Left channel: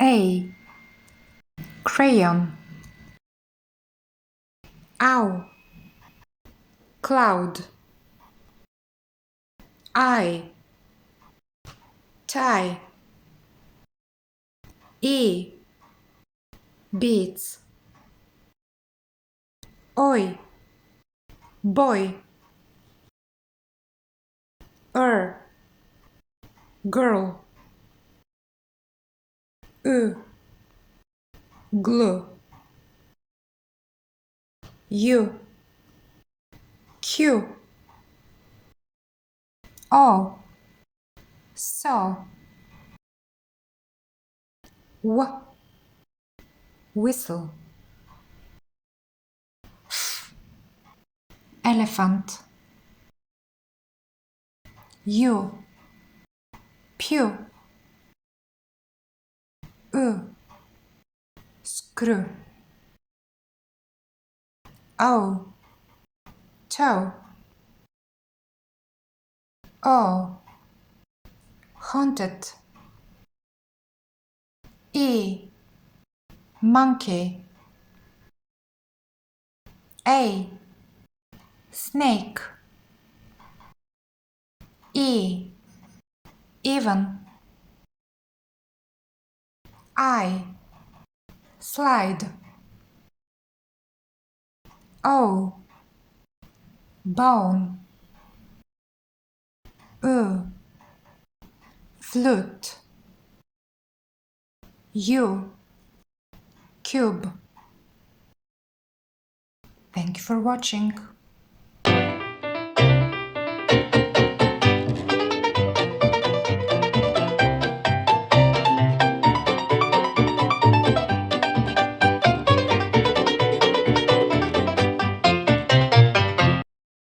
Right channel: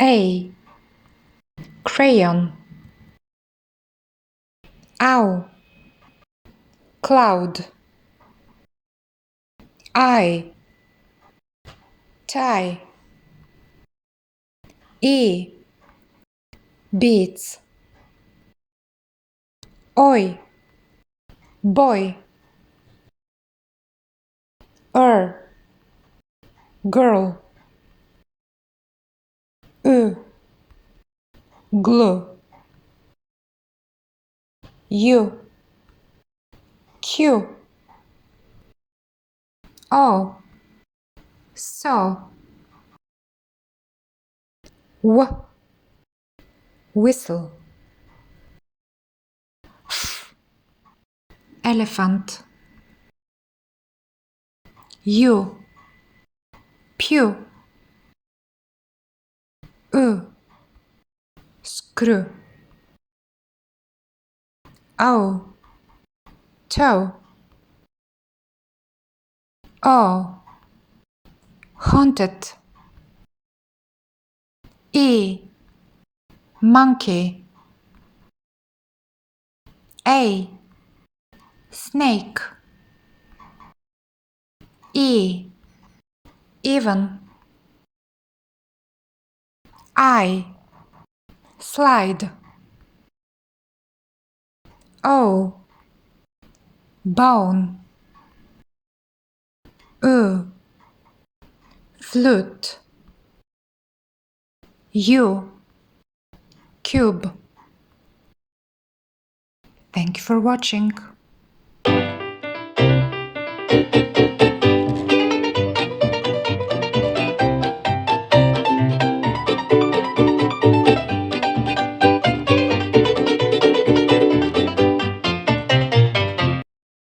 A. Crayon. Ow. Cloud. I. Tie. E. Beats. Oi. Boy. Girl. Glue. U. Q. O. So. Whistle. Elephant. U. Pew. Screw. O. Toe. O. Haunted. E. Monkey. A. Snake. E. Even. I. Slide. O. Bone. Flute. U. Cube. Thank you for watching.